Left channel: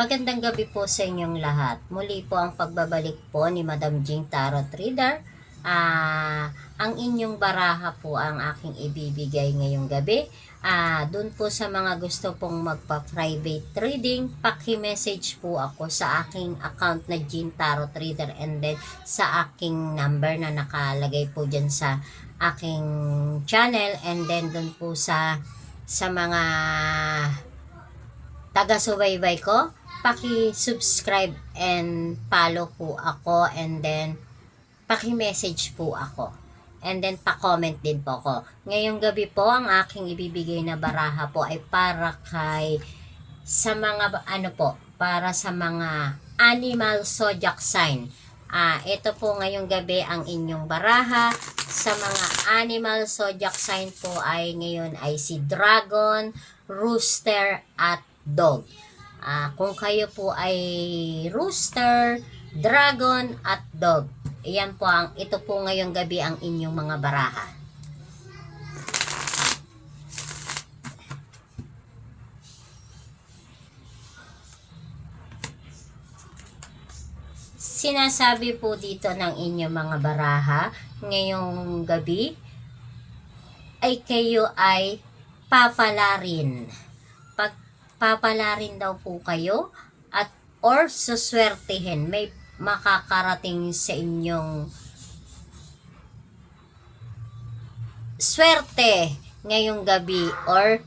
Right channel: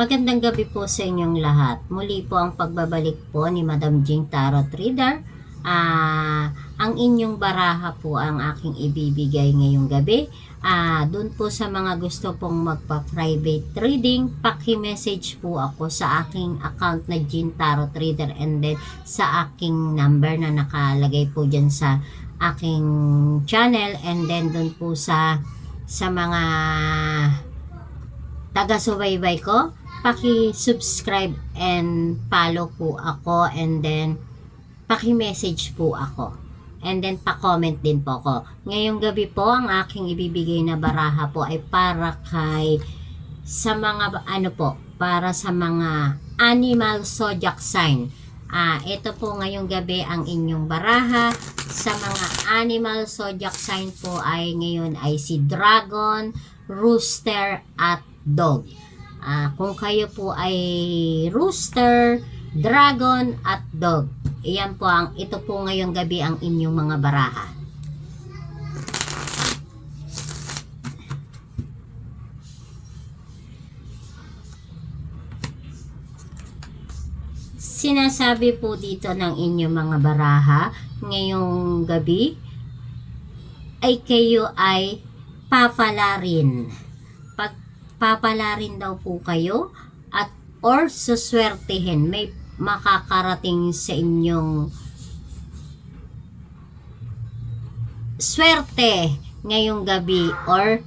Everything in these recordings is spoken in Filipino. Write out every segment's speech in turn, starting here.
Magandang gabi po sa inyong lahat. Muli po ang pagbabalik po ni Madam Jing Tarot Reader. Ang inyong baraha po ang aking ibibigay ngayong gabi. Doon po sa mga gusto pong magpa-private reading, paki-message po ako sa aking account na Jing Tarot Reader and then sa aking number na nakalagay po dyan sa aking channel, and then doon po sa mga taga-subaybay ko, paki-subscribe and follow po ako, and then paki-message po ako, and then pa-comment din po ako. Ngayong gabi po, ang aking ibibigay na baraha po ay para sa mga para sa mga animal zodiac sign. Ito po ngayong gabi ang inyong baraha. Sa mga animal zodiac sign po ay ngayon ay si Dragon, Rooster at Dog. Kung kayo po ay Rooster, Dragon at Dog, ito po ngayong gabi ang inyong mga baraha. Sinasabi po dito ng inyong mga baraha ngayong gabi ay kayo ay papalarin. Papalarin daw po kayo or suswertehin. May makakarating sa inyong swerte ngayong gabi or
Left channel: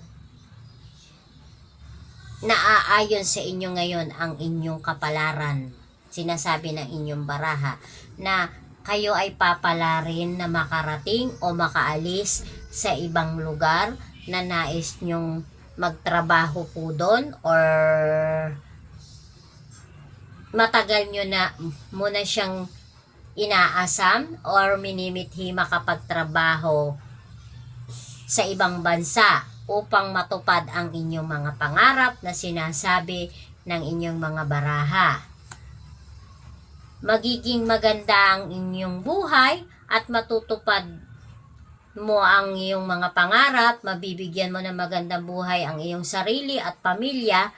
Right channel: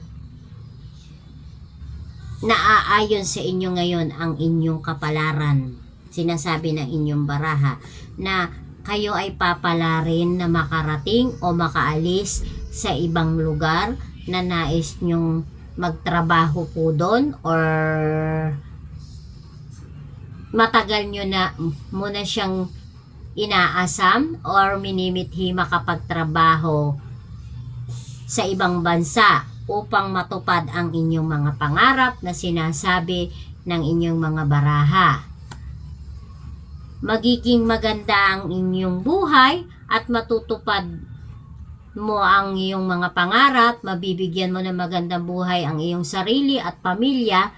naaayon sa inyo ngayon ang inyong kapalaran. Sinasabi ng inyong baraha na kayo ay papalarin na makarating o makaalis sa ibang lugar na nais nyong magtrabaho po doon, or matagal nyo na muna siyang inaasam or minimithi makapagtrabaho sa ibang bansa upang matupad ang inyong mga pangarap na sinasabi ng inyong mga baraha. Magiging maganda ang inyong buhay at matutupad mo ang iyong mga pangarap, mabibigyan mo ng magandang buhay ang iyong sarili at pamilya.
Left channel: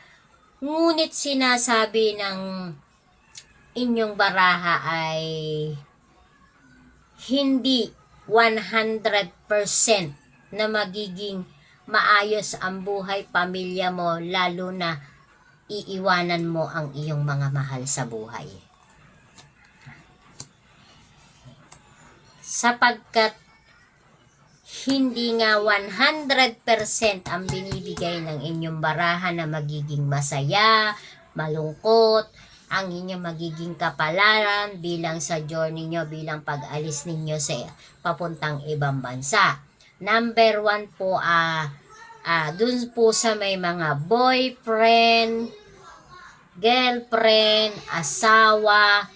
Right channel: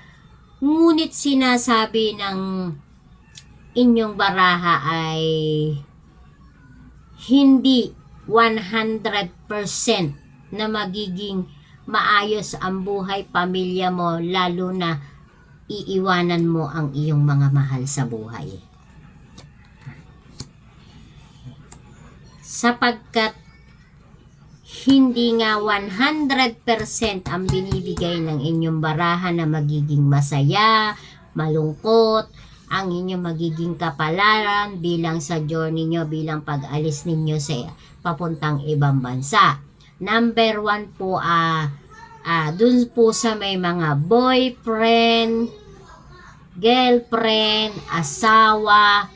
Ngunit sinasabi ng inyong baraha ay hindi 100% na magiging maayos ang buhay, pamilya mo, lalo na iiwanan mo ang iyong mga mahal sa buhay. Sapagkat hindi nga 100% ang binibigay ng inyong baraha na magiging masaya, malungkot, ang inyong magiging kapalaran bilang sa journey nyo, bilang pag-alis ninyo sa papuntang ibang bansa. Number 1 po, dun po sa may mga boyfriend, girlfriend, asawa,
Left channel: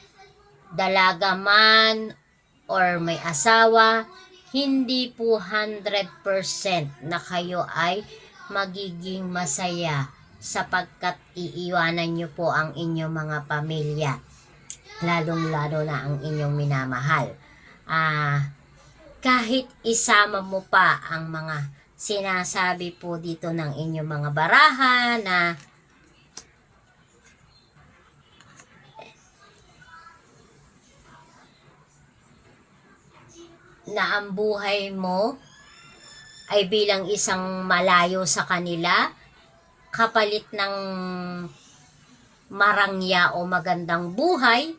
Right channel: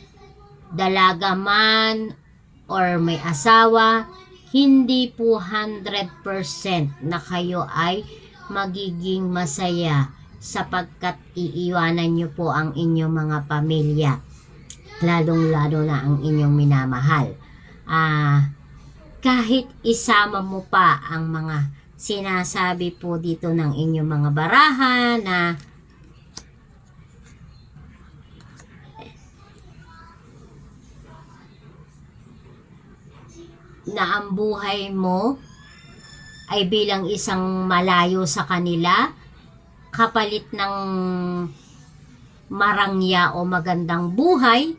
dalaga man, or may asawa, hindi po 100% na kayo ay magiging masaya sapagkat iiwanan nyo po ang inyong mga pamilya, lalong-lalo na ang inyong minamahal. Kahit isama mo pa ang mga sinasabi po dito ng inyong mga baraha na ang buhay mo ay bilang isang malayo sa kanila, kapalit ng marangya o magandang buhay,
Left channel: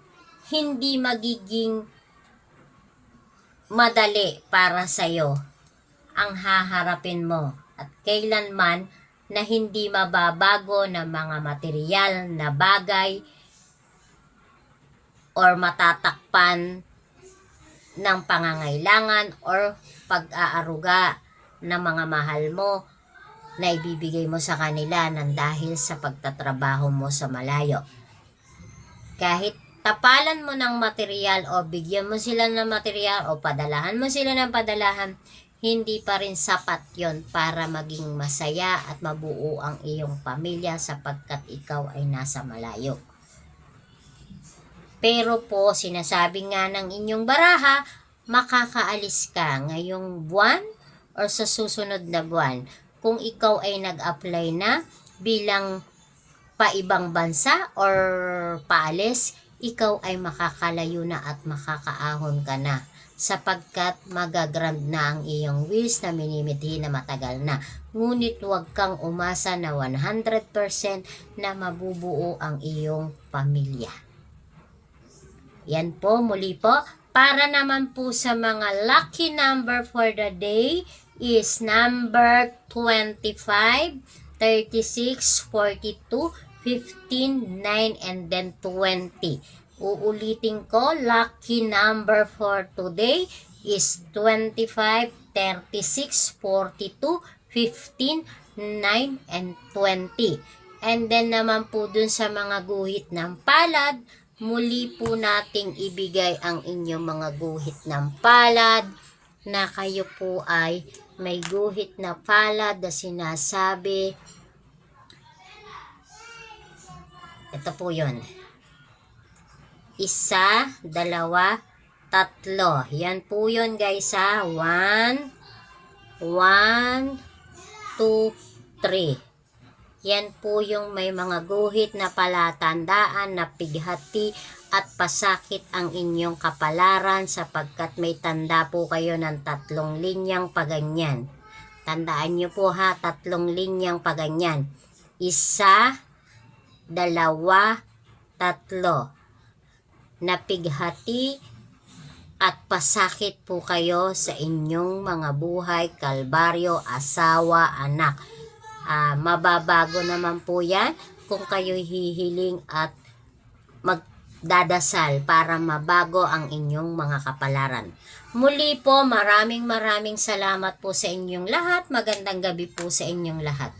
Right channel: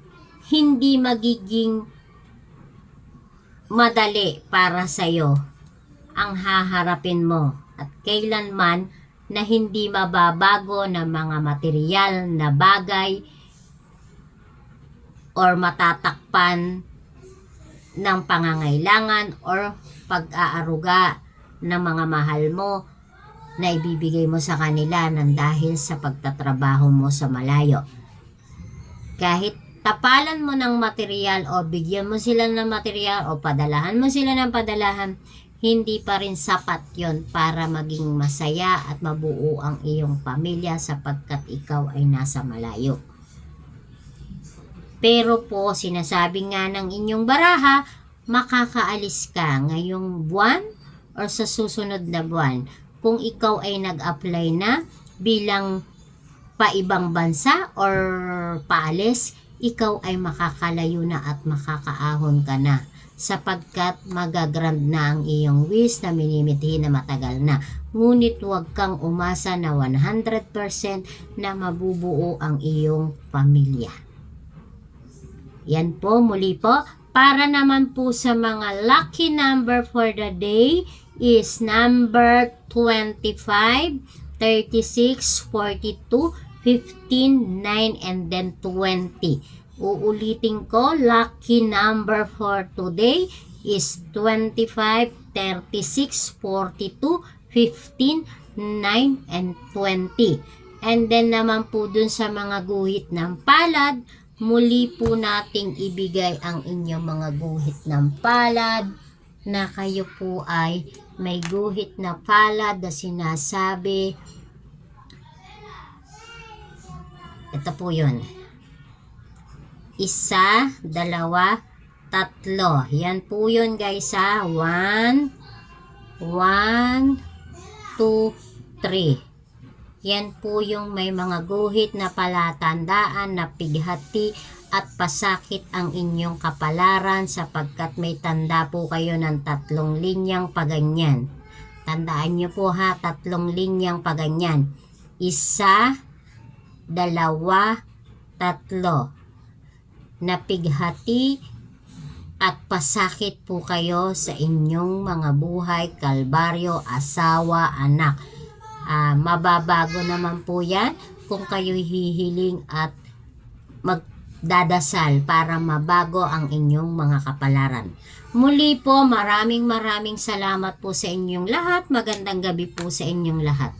hindi magiging madali para sa'yo ang haharapin mo, at kailanman na hindi mababago ng mga material na bagay or matatakpan ng pangangailangan or pag-aaruga ng mga mahal mo na ibibigay mo sa kanila ng dahil sa pagtatrabaho mo sa malayo. Kahit tapalan mo ng material o bigyan mo sila ng material o padalahan mo sila ng padalahan, hindi pa rin sapat yon para maging masaya at mabuo ang iyong pamilya sapagkat ikaw ay nasa malayo. Pero po, sinasabi nga ng inyong baraha, makakaalis ka ngayong buwan or sa susunod na buwan kung ikaw ay nag-apply na bilang pa ibang bansa or paalis, ikaw ay makakalayo na at makakaahon ka na sapagkat magagrand na ang iyong wish na minimithi na matagal na. Ngunit huwag kang umasa na 100% na mabubuo ang iyong pamilya. Yan po, muli po. Para naman po sa mga lucky number for the day is number 25, 36, 42, 15, 9, and then 20. Uulitin ko, lucky number for today is 25, 36, 42, 15, 9, and 20. And then naman po dun sa mga guhit ng palad, muli po nating ibigay ang inyong mga guhit ng palad na kayo po ay may guhit na palad na sinasabi. Ito po yun. 1, 2, 3. Yan po yun guys ha. 1, 2, 3. Yan po yung may mga guhit na palatandaan na pighati at pasakit ang inyong kapalaran sapagkat may tanda po kayo ng 3 linyang paganyan. Tandaan nyo po ha, 3 linyang paganyan. 1, 2, 3. Napighati at pasakit po kayo sa inyong mga buhay, kalbaryo, asawa, anak. Mababago naman po yan kung kayo hihiling at magdadasal para mabago ang inyong mga kapalaran. Muli po, maraming salamat po sa inyong lahat. Magandang gabi po sa inyong lahat.